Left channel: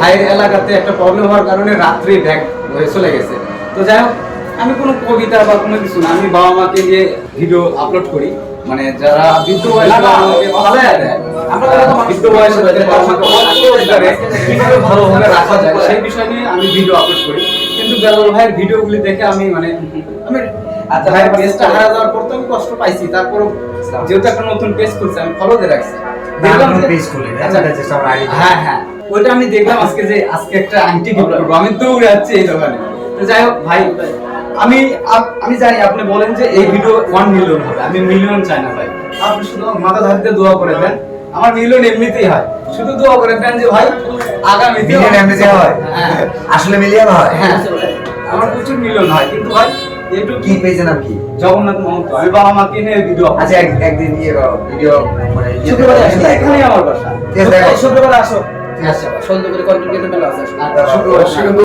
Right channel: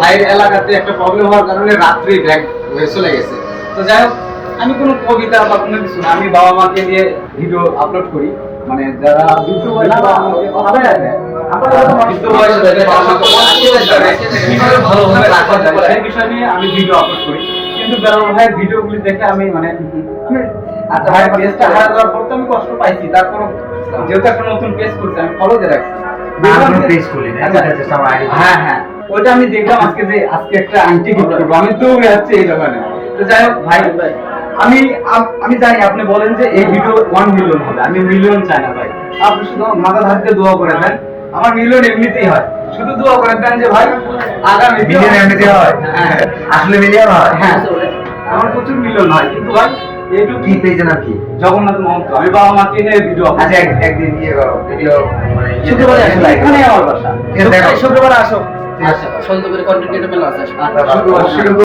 ভাইয়ের এলাকাতে একটা প্রবলেম হওয়ার কারণে রাত্রি ব্যাক হয়ে চলে গেছে। তো যাই হোক, আমি কোনো কবিতা বা কোনো কিছু না, আমি বাবা মাকে নিয়ে ভিডিও আপলোড করি। মানে যারা বৃদ্ধ বয়সে বৃদ্ধ বয়সে কিভাবে ভালোভাবে রাখা যায় সেই বিষয় নিয়ে আমি ভিডিও আপলোড করি। কিন্তু বেলাল ভাইয়ের ভিডিওগুলি দেখে আমি আচ্ছা ভাইয়ের পেজটা হারা যাওয়ার পর তো আমি কষ্ট পাইছি। তারপর যেহেতু একটা নতুন পেজ করছি, আমি ফলো দিয়ে রাখছি। ওইটা আমি দেখলাম আজকে যে আজকে একটা আংটি গিফট করবো, আমি তো যাচ্ছি এই দোকানে। তো যাই হোক ভাই, আমি জানি আপনি বলেন যে এই ভিডিও 1 মিলিয়ন হবে, আমি মিলিয়ন চাই না ভাই। আপনি শুধু মাথা ধারতে দোয়া করে দেন, আমার মিলিয়ন এমনিতেই হয়। শুধু দোয়া করে দেন যে ভাই আগামী মিলিয়ন এমনিতে হয়, আসলে মিলিয়ন হয়। হ্যাঁ, আমার প্রচুর মিলিয়ন হয়, কিন্তু ভাই একটু কি পেজের নাম কি? জগন্নাথ মহন্ত। আমি বাবা মাকে নিয়ে ভিডিও, আচ্ছা একদিন ভিডিও মানে শুক্রবারে আসলে এখানে আমার বাসা। শুক্রবারে আসো। আচ্ছা, সন্ধ্যা করে কন্টেন্ট ক্রিয়েটর মেলা আছে। শুক্রবার